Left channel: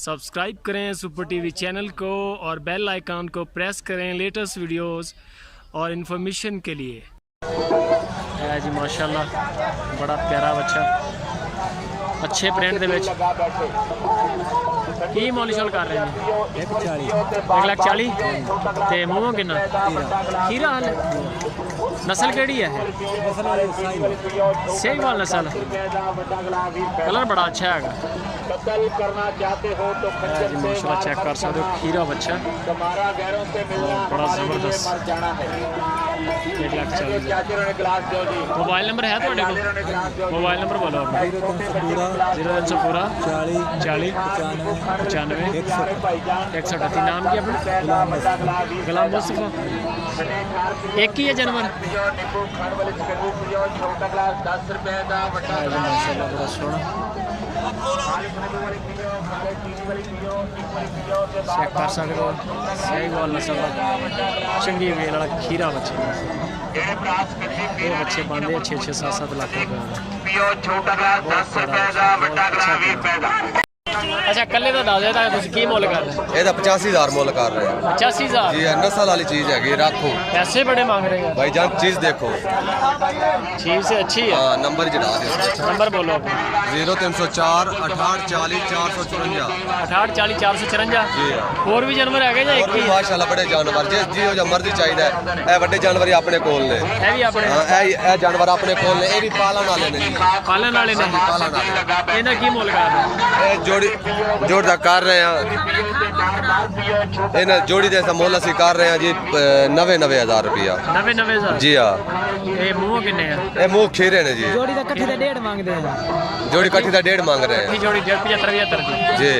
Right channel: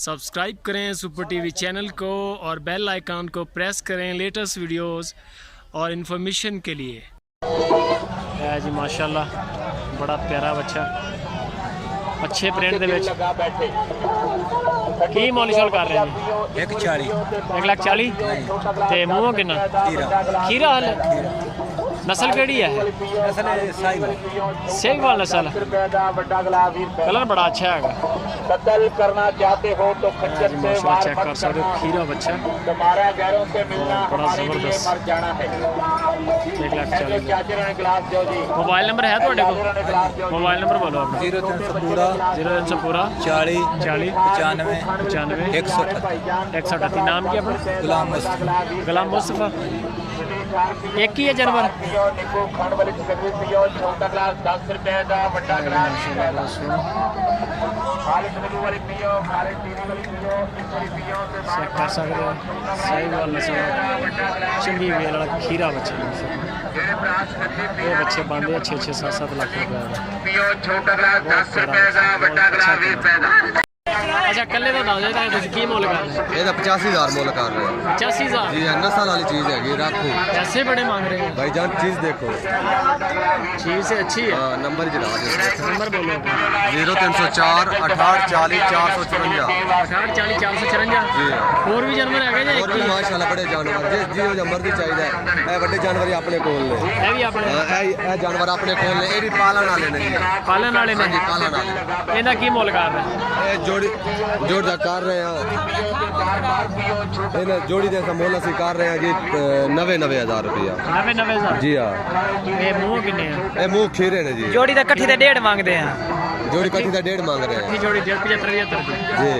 Subscribe करें super TV channel को और बेल आइकन को प्रेस करें लेटेस्ट वीडियोस और इन्फॉर्मेशन के लिए। है जी माशाल्लाह बड़ा प्यारा बच्चा अच्छे प्रिंट दे विच की मोल शोल कर रहे हैं 1,40,000 ते मूँह किन्ना खीरा हाल नस्ल केड़ी है सेहवाल नस्ल कलर बड़ा अच्छा है जी माशाल्लाह चेक कर सकते हो खीरा बच्चा और बड़ा ज़बरदस्त 1,40,000। मोबाइल नंबर है थोड़े को मोबाइल नंबर बोलो अपना 0300 पूरा 40 95 138। नाम क्या अपना गुलाम मुस्तफा एक ही है जानवर माशाल्लाह बड़ा सोहना चेक कर सकते हो सहीवाल नस्ल का चंगी वेल वाला खीरा बच्चा ये बच्चे पाते हैं 6-7 लाख रुपये बहुत सारा अच्छा कल्ले तो दस दे तुम की मुल कर रहे ये 85,000 मुल कर रहे हैं 85,000 जी नस्ल वाली चीज है रखो पैसे बड़े मांग रहे हैं भाई जान चीज देखो चीज से अच्छी है नंबर नंबर बोलो 0304 68 40 454 68 40 454 जी और भी जानवर है या एक ही माशाल्लाह बड़े जानवर जिस जो मर्जी चाहिए है बड़े जानवर अपने कोल ने ये भी अपने ये जानवर अपने कोल ने ये भी पालन वाले ने पालन वाले ने पालन वाले इनका की मुल कर रहे हैं जोड़ी कर रहे हैं जोड़ी जैसा मोल असी कर रहे हैं जी 90,000 रुपया 90,000 जी हाँ ये मुँह किन्ने ये मुँह खीरे ने जी जोड़ी का कट्ठी का 1.5 मांगते हैं जोड़ी कट्ठी का 1.5 मांग रहे हैं जोड़ी 75 जी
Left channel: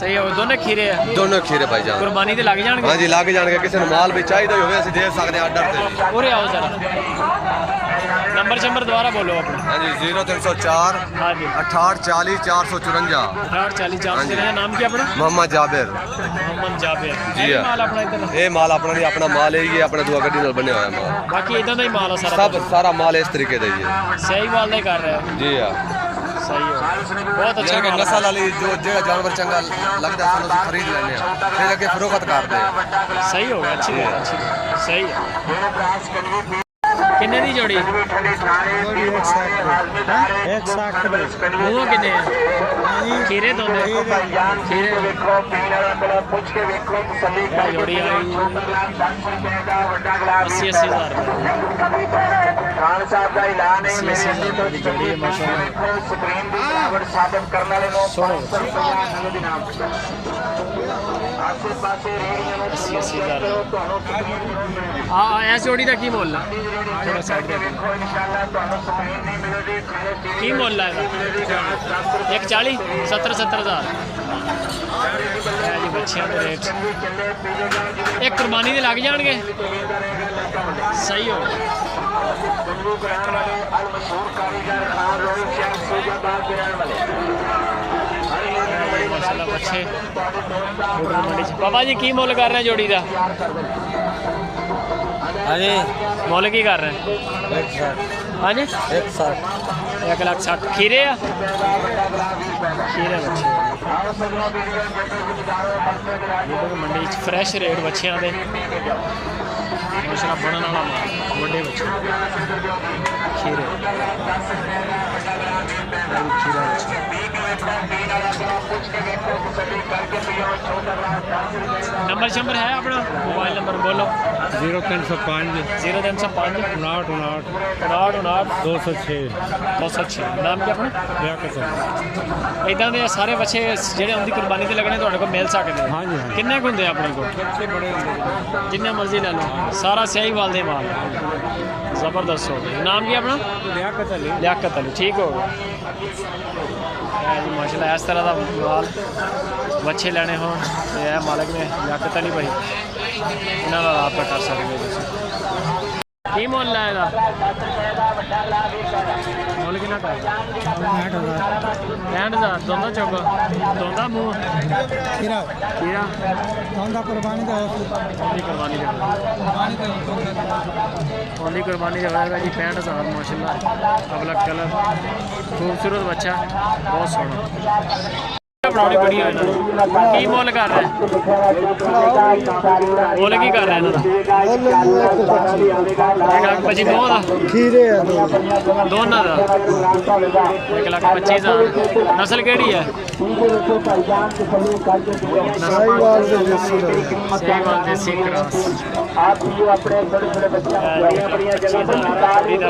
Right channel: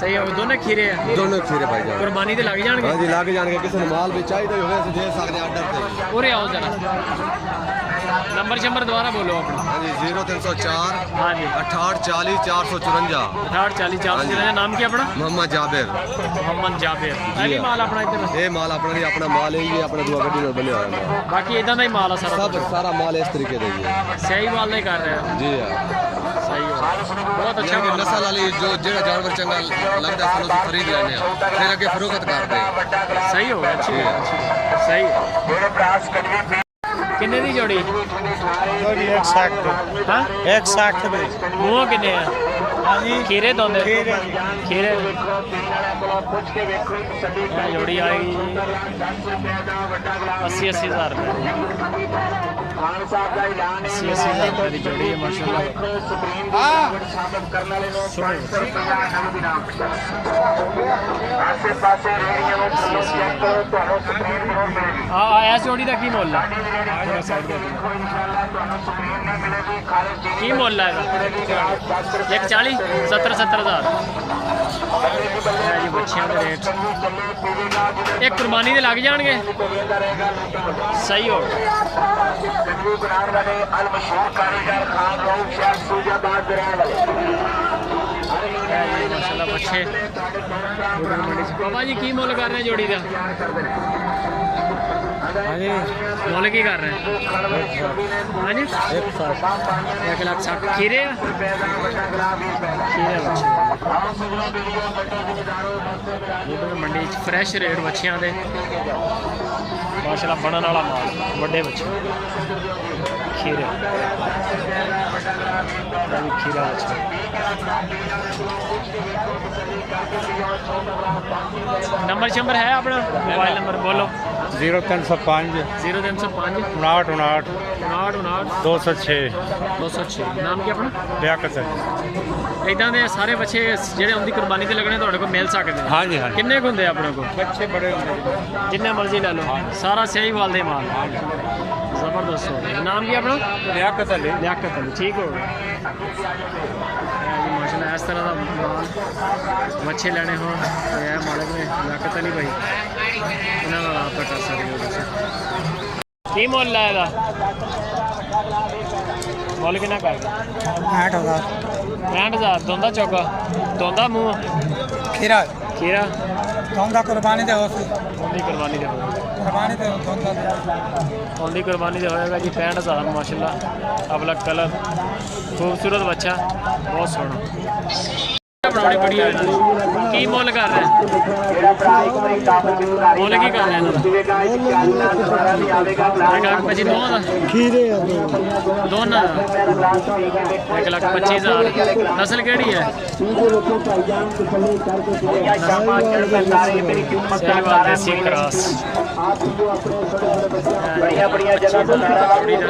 सही है दोनों खीरे है दोनों खीरे भाई जान कुर्बानी ते लग जाएंगे हाँ जी लग जाएंगे किसी ने माल भी चाहिए होवे असि दे सकते हैं ऑर्डर और आओ जरा नंबर दोबारा बोलो अपना हाँ जी 0304 हाँ जी 68 40 454 68 40 454। नाम क्या अपना मोहम्मद जाबिर जी माल अपना इधर ये माल अपना नहीं अपना माल है ये अपने दो गड्डी नाल बने हुए हैं बाकी इधर का ही माल है सारा माल इस तरीके का ही है सही माल का ही कर रहे हैं जी हाँ सही हो बहुत अच्छा माल नस्ल वाली जो जानवर चंगा लगता है सानू खरीद लेने फिर अगे फरोख्त करते हैं सही हो गया अच्छी बात सही है किन्ने दी जोड़ी 160 हाँ 160 मूँह किन्ने खीरे दोंदे खीरे जोड़ी आई 80,000 रुपये 80,000 रुपये की जोड़ी है माशाल्लाह सोने 80,000 इस जोड़ी का की मुल है थोड़ा साइड की मुल है 140 70,000 है जी बच्चियां के रेट एक कुर्बानी के लग जाएंगे सही हो माशाल्लाह बच्चे मंडी बाबा जी की मुल कर रहे हैं जोड़ी का मुल की कर रहे हैं हाँ जी 1,60,000 खीरे खीरे बच्चे मंडी फ्रैश रेट बच्चियां दे माशाल्लाह बनने वाला माल बड़े बच्चे खीरे खीरा बच्चा नंबर है अपना मोबाइल नंबर बोलो 0305 0305 59 206 नाम क्या अपना लियाकत इदां दे सारे बच्चे जेडे उनकी कुर्बानी ते लगने तुहाडे को मिल सकते हैं हाँ जी हाँ किन्ने को हुंदे अपने को जिन्ने मर्जी ले लो सारा सहीवाल दे माल ज़बरदस्त हो गया नाम क्या अपना लियाकत अली ठीक हो गया जी माशाल्लाह इस तरह का माल बच्चे लेने हो मालिक ने लियाकत अली भाई इन्होंने रबता कर सकते हो की मुल है मुल कि कर 65,000 दोंदा चौका दोंदा मूँह खीरा खीरा दोंदा कुर्बानी दे कुर्बानी दे ओंदी कुर्बानी दे होएगा जी 65,000 माशाल्लाह अबला कलर खूबसूरत बच्चा बहुत सोहना। ਬਣਾਉਣੀ ਵੀਡੀਓ ਇਹਨਾਂ ਦੀ ਕੀ ਮੁੱਲ ਕਰ ਰਿਹਾ ਮੁੱਲ ਕੀ ਕਰ ਰਿਹਾ ਇਹਨਾਂ ਦਾ 1,25,000 ਦੋਵਾਂ ਦਾ ਦੋਨਾਂ ਦਾ 1,25,000 ਨਸਲ ਕਿਹੜੀ ਹੈ ਸਹੀਵਾਲ ਦੇਸੀ ਕਰਾਸ 1,25,000 ਜੋੜੀ ਦਾ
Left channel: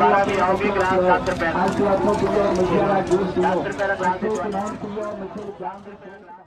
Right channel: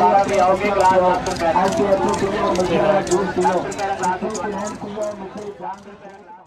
₹10 का ग्लास